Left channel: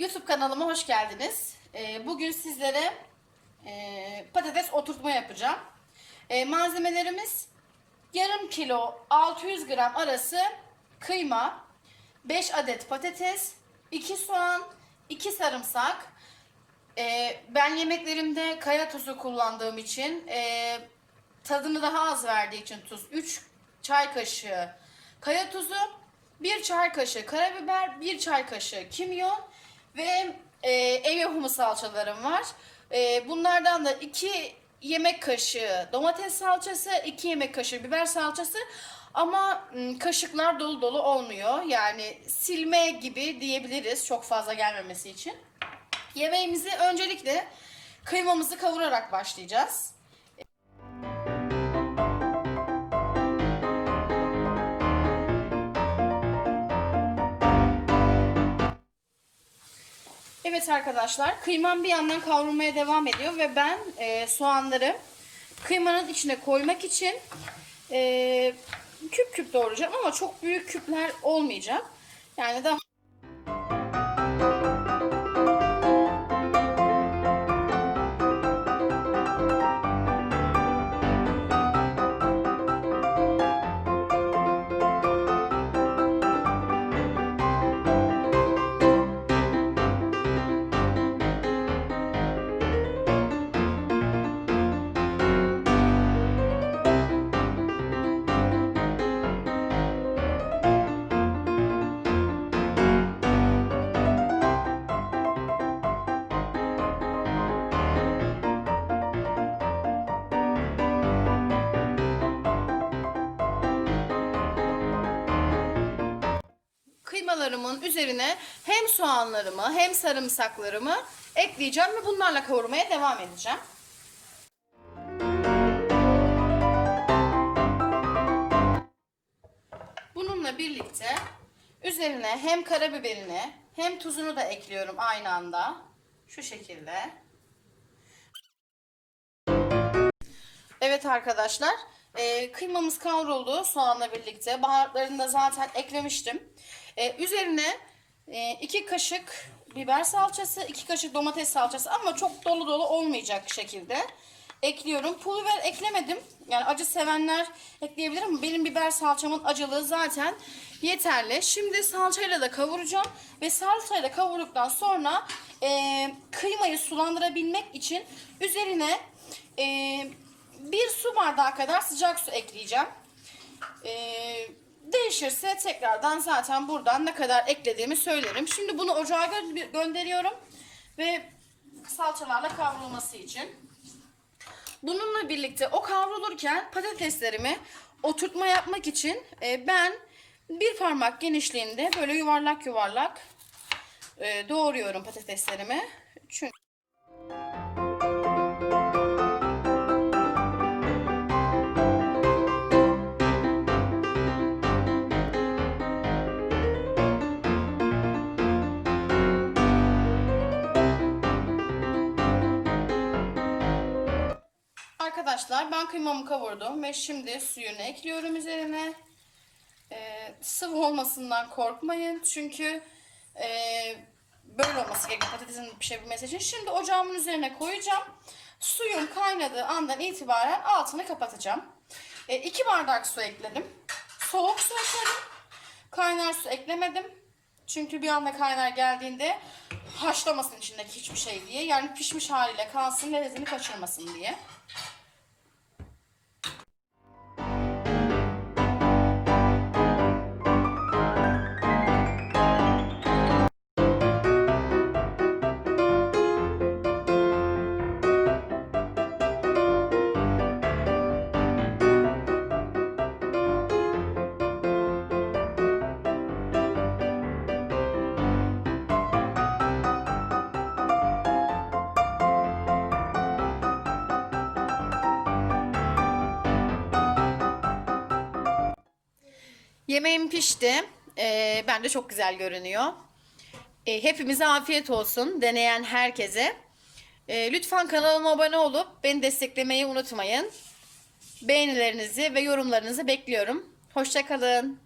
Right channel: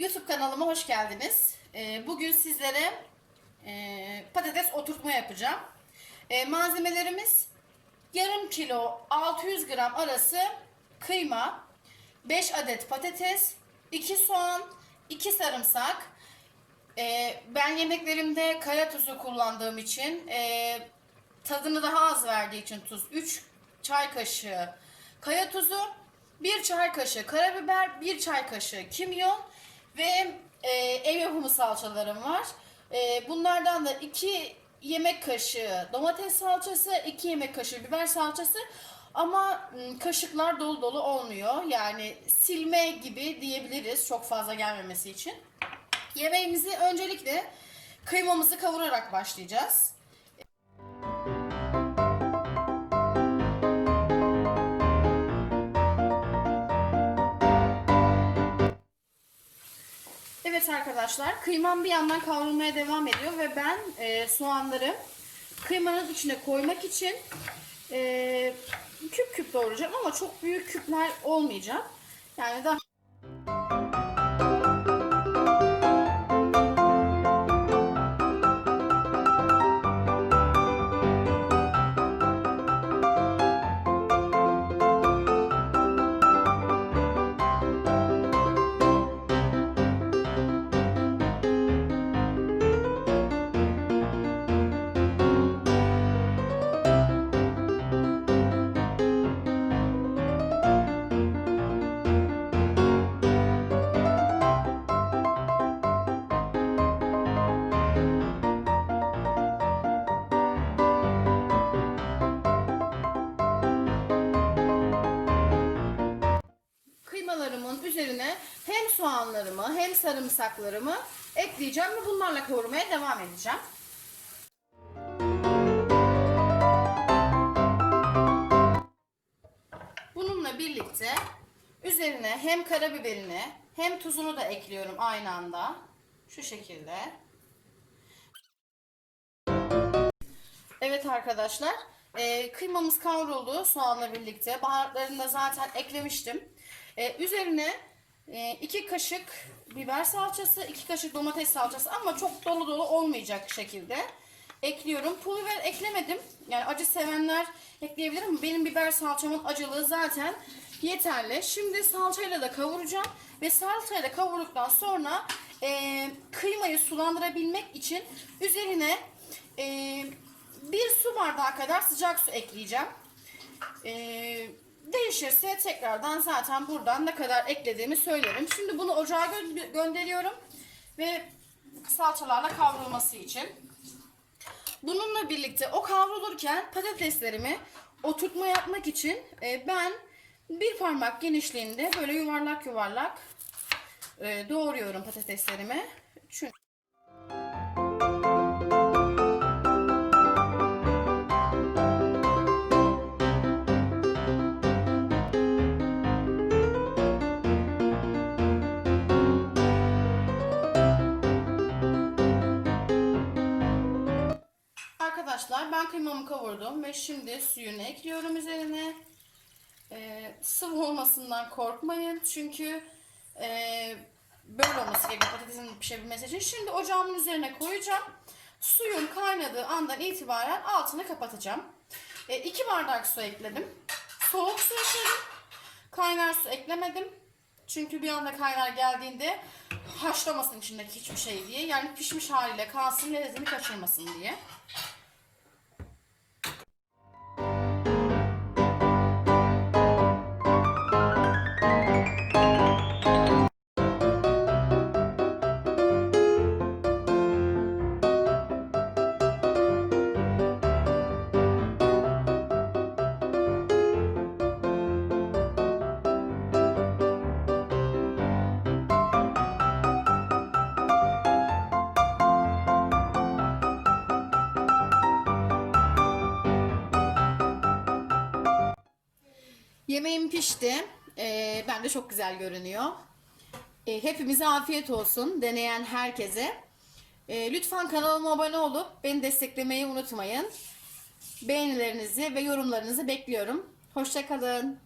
YouTube kanalıma hoş geldiniz. Ee, Bugün sizlere e, patates oturtma yapacağım. E, Malzemelerimiz yarım kilo 600 gram arası kıyma, 5 adet patates, 2 soğan, 2 sarımsak. E, Ben yemeklerimde kaya tuzu kullandığım için e, tadını daha az verdiği için tuz 3 çay kaşığı kaya tuzu, 1 çay kaşığı karabiber, 1 çay kaşığı kimyon ve e, ev yapımı salçalarım var. E, bunlardan da 2 yemek kaşığı domates salçası, 2 yemek kaşığı biber salçası ama kaşıklar dolu dolu olmuyor. Yani silme gibi diyebiliriz çok fazla gelmemesi için. Yemeğimizi öncelikle kıymamızı kavurarak başlayacağız. Evet arkadaşlar kıymam bir yandan kavrulmaya devam ediyor ve ben e, soğanları kıymanın içine koymak için e, küp küp doğrayacağım ama çok büyük küpler olmayacak. Yani daha hem soğanlarımı hem sarımsaklarımı ekleyeceğim ve bunlarla kavurmaya devam edeceğim. Bununla birlikte üzerine hem karabiberini hem tuzunu da ekliyorum aynı anda. Şu şekilde. Evet arkadaşlar, e, kıymamız kavruldu soğanla birlikte. Baharatlarını da zaten eklemiştim. E, üzerine 2 kaşık biber salçası, 2 kaşık domates salçası ama çok dolu dolu olmayacak şekilde ekliyorum. Pul biber eklemedim. Yani acı sevenler ekleyebilir ama benim biber salçamın acılığı zaten yeterli. Şimdi salçayla da kavuracağım ve salçayla kavurduktan sonra e, kıymayı sulandırabilmek için üzerine e, bir su bardağı kadar sıcak su ekleyeceğim. Ee, değişirse tekrardan zaten buradan ne kadar eklediğimi söylerim. Şimdi bunu ocağa gö- gönderiyorum ve salçalarla kavrulması için. Bununla birlikte o kavrulurken patateslerimi oturtma yapmak için e, ben bir parmak genişliğinde böyle yuvarlak yuvarlak e, doğruyorum patateslerimi. Çünkü Arkadaşlar ben kıymamı kavurdum ve şimdi suyunu ekliyorum üzerine. Ee, sıvı olmasından korkmayın çünkü e, böyle olması gerekiyor patatesin pişebilmesi için. Şimdi ocağımın üzerine koyacağım. Suyun kaynadığı andan itibaren altını kapatacağım. 2 bardak su ekledim. Soğuk su ekledim. Kaynar su eklemedim. Çünkü bir anda kaynar geldiğinde haşlamasın içindeki hiçbir şey diye. Yani pişmiş haliyle kalsın lezzetini kaçırmasın diye. Yemeğim pişti. Ee, bence çok güzel görünüyor. Ee, hepimize afiyet olsun. Deneyen herkese. Ee, lütfen kanalıma abone olup beni desteklemeyi unutmayın. Beğenilerinizi ve yorumlarınızı bekliyorum. Hoşçakalın.